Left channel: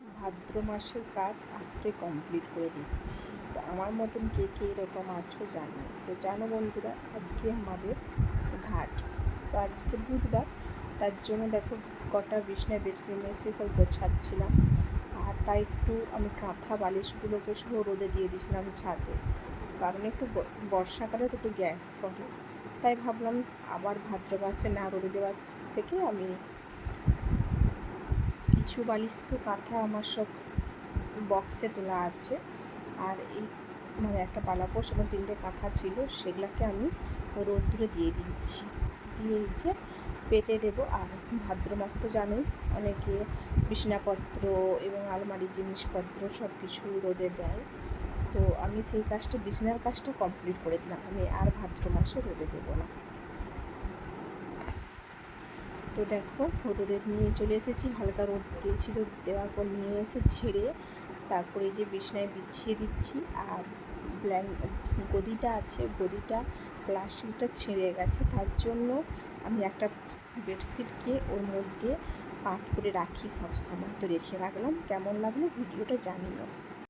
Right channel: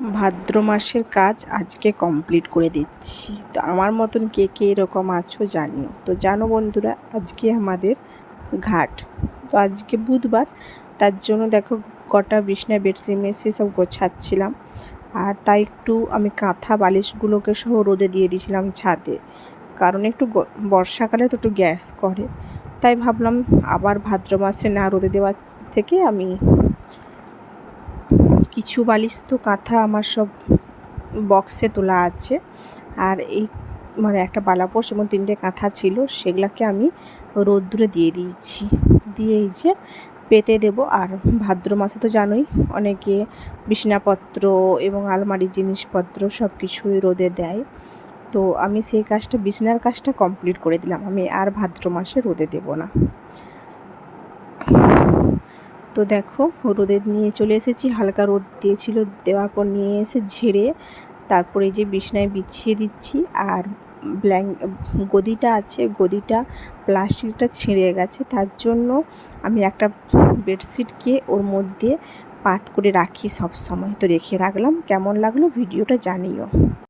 ভাদ্র মাসের কাজ আজকে কমপ্লিট করে দিচ্ছি। তো আমার মতন কে কে এরকম আছো জানিও। তো জানো বন্ধুরা, আজকে আমাদের ঘাট। তো আজকে বুধবার, তার জন্য দেখো কটা বিছনা, বেডশিট মেসে সব গোছাচ্ছিলাম। আর তাই একটু আমি কাঁথা বালিশগুলোকে সহ রোদে দিয়ে দিয়েছিলাম ছাদে। কারণ একটু বর্ষাকালে তো একটু গ্যাস করে। তাই ভাবলাম আবার ভাদ্র মাসে না রোদে দেওয়ার থেকে আমি কিছু বালিশ তো কাঁথা আমার সব বক্সে তোলা আছে। আর এই মানে একটা বালাপোষ এবং তিনটে কাঁথা ছিল, সেগুলোকে আমি রোদ্দুরে দিয়ে দিয়েছি। দিয়ে এই যে পেতে দেব। আর ভাদ্র মাসে তো জানোই, অনেকে বিছনাপত্র এবং আলমারির জিনিসপত্র সব কিছুই রোদে দেয়। তো আমি সেই কাজটা, বিছনার কাজটা কমপ্লিট করে দিলাম। আমি আর ভাদ্র মাসে রোদে দেব না। তো দেখো রোদে নিয়ে চলে এসেছি, হালকা রোদ দিয়েছিল দেওয়ার পর নিয়ে এসে ঝেড়ে তারপরে যে বিছনায় বিছিয়ে দিচ্ছি আর ব্ল্যাঙ্ক গদিটা আছে, গদিটা প্লাস্টিকটা ছিঁড়ে গেছে, তার জন্য আমি একটা বেডশিটকে ওর মধ্যে পাট করে রাখি সব সময় তো রেখে রাখলাম, কেমন লাগল ভিডিওটা জানিও।